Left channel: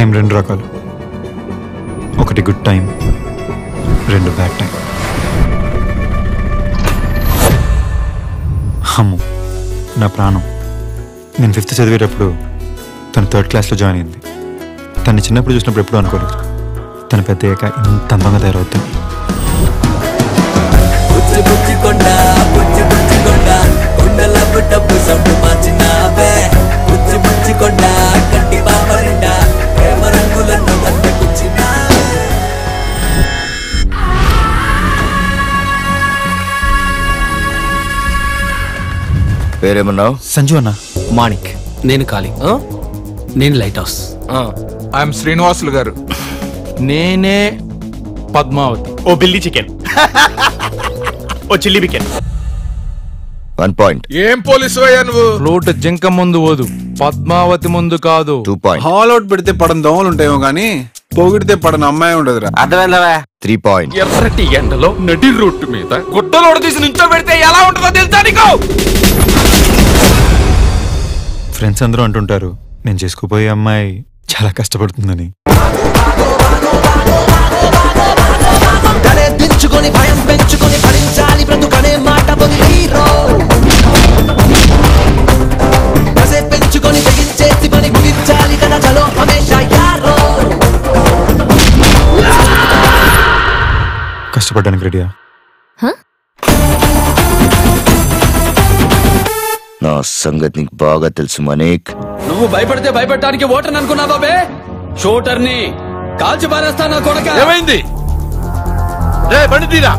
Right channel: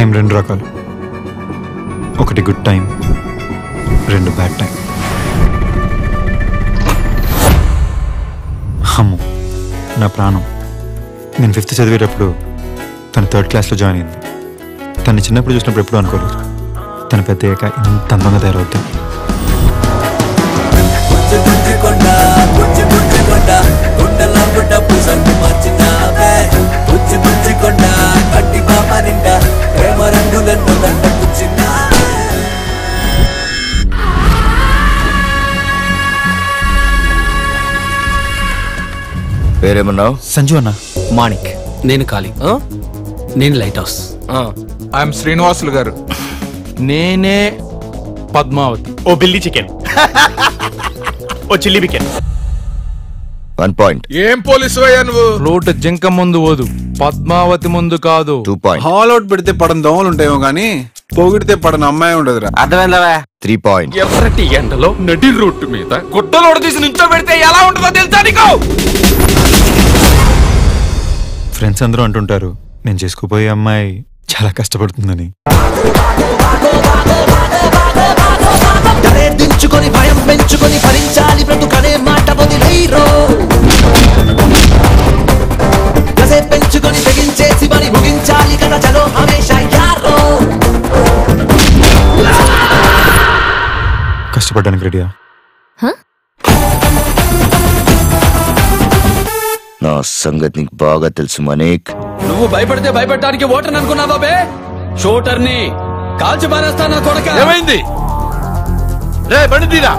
Time రెండు రకాలు. ఒకటి గుడ్ టైం, రెండు బ్యాడ్ టైం. అమ్ము నా ప్రాణం. నేను 5th చదివేటప్పుడు తను 3rd క్లాస్లో జాయిన్ అయింది. తను చిన్నప్పుడు చూసినప్పుడు ఎప్పుడూ అనుకోలేదు తను పెద్ద అయ్యాక ఇంత అందంగా తయారవుతుంది. పేరేమన్నావు? సంజు అన్న. మాణిక్. నేను ఖాళీ. నేను లైట్ హౌస్. ఐఎమ్ శ్రీనివాసులు గారు. నేనే పద్మావతి. ఓ బిల్లీ చికెన్, ఓ చిల్లీ చికెన్. 1 పాయింట్. ఏం పోలీసు అయ్యా నువ్వు? ఫ్లూట్ జింక ముందు ఓదు, పద్మావతి ముందు కాదు. 2 పాయింట్. హాల్ అవుట్ పెడితే పడని దోమలు ఉంటాయేమో గానీ పొగిడితే పడని అమ్మాయి ఉండదురా. అర్థమైందా? 3 పాయింట్. ఎర్రటి ఎండలో నడి రోడ్డు మీద గుడ్డలోడ తీసి నుంచో పెడితే ఎలా ఉంటుందో తెలుసా నీకు? ఫ్రెండ్స్ అందరూ అంటుంటారు నేను చేసుకోబోయే అమ్మాయి చాలా కష్టపడుతుందని. కష్టపడడానికి రెడీయా? నా సంగతి నీకు బాగా తెలుసు మనీక్. నువ్వు భయపడితే భయపెట్టడానికి ఓటర్ అనుకున్నావా బే? షూటర్ని కాల్చి పారేస్తా నా కొడక. ఏమైంది రే? బండి తీరా.